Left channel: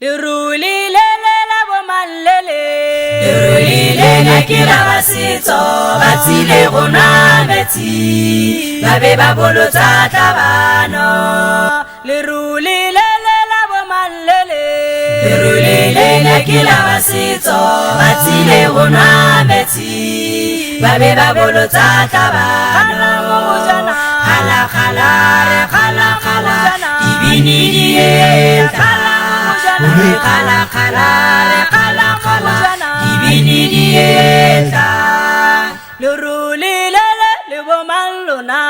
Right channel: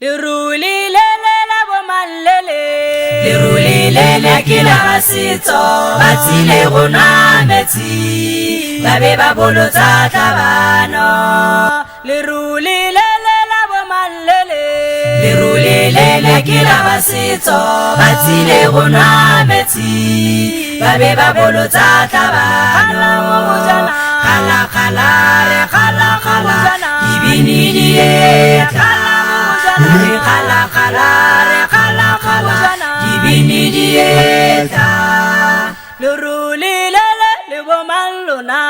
Leruli lele la bomallele Leruli lele ke la setso ba tsile gona metsi ba be ba bolotsa tabano Leruli lele la bomallele Leruli lele ke la setso ba tsile gona metsi ba be ba bolotsa tabano khala mo go jana khala re khala mo go jana ibini die khala mo go jana khala re khala mo go jana ibini die Leruli lele le bomallona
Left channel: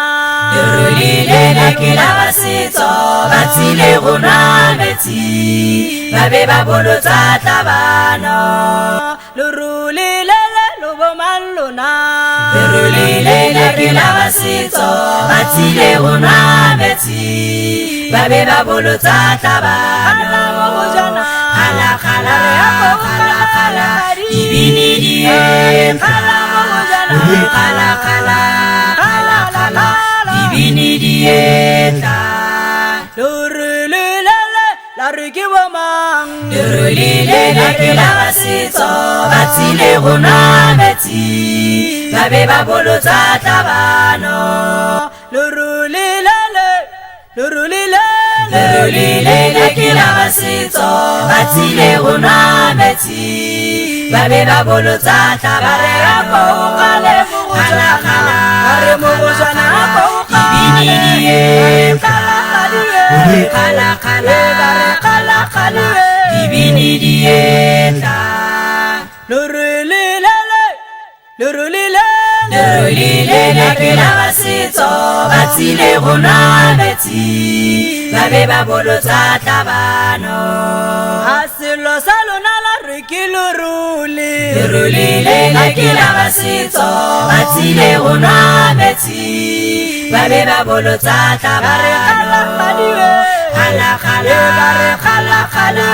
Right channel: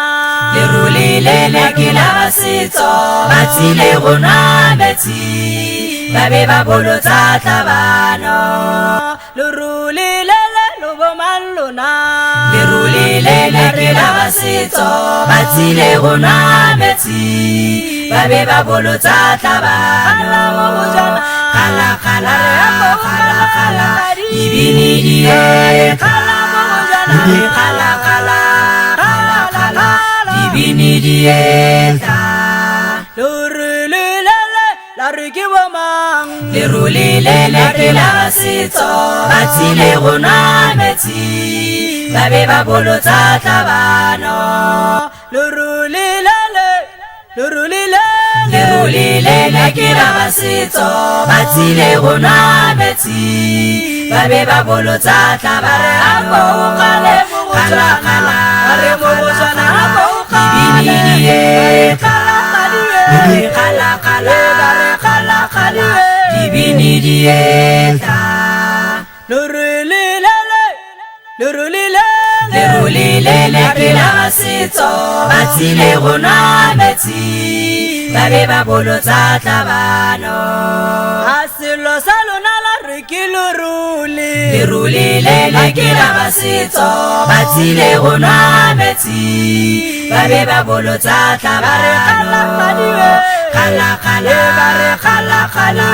Leruli lele ke la setso ba tsile gona metsi ba be ba bolotsa tabano Leruli lele le bomallona Leruli lele ke la setso ba tsile gona metsi ba be ba bolotsa tabano khala mo go jana khala re apo khala khadi ibini die khala mo go jana khala khala ibini die Leruli lele la re ke bomang Leruli lele ke la setso ba tsile gona metsi ba be ba bolotsa tabano Leruli lele Leruli lele Leruli lele ke la setso ba tsile gona metsi ba be ba bolotsa re apo tabano khala mo go jana re mo go jana apo khala re khala khadi khala re khala khadi ibini die Leruli lele Leruli lele Leruli lele ke la setso ba tsile gona metsi ba be ba bolotsa tabano Asilo sa lona la re ke leruli Leruli lele ke la setso ba tsile gona metsi ba be ba bolotsa re khala tabano khadi re khala khadi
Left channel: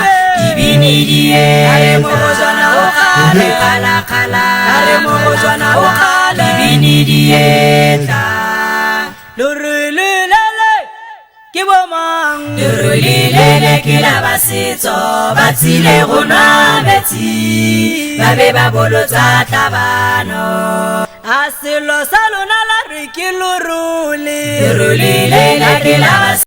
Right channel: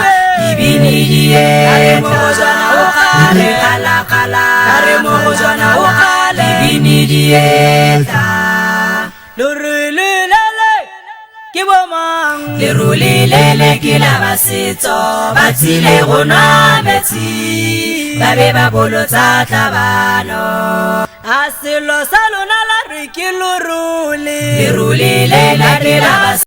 ibini die re mo go jana o khale re mo go jana o khale ibini die Leruli lele ke bomang Leruli lele ke la setso ba tsile gona metsi ba be ba bolotsa tabano Asilo sa lona la re ke leruli Leruli lele ke la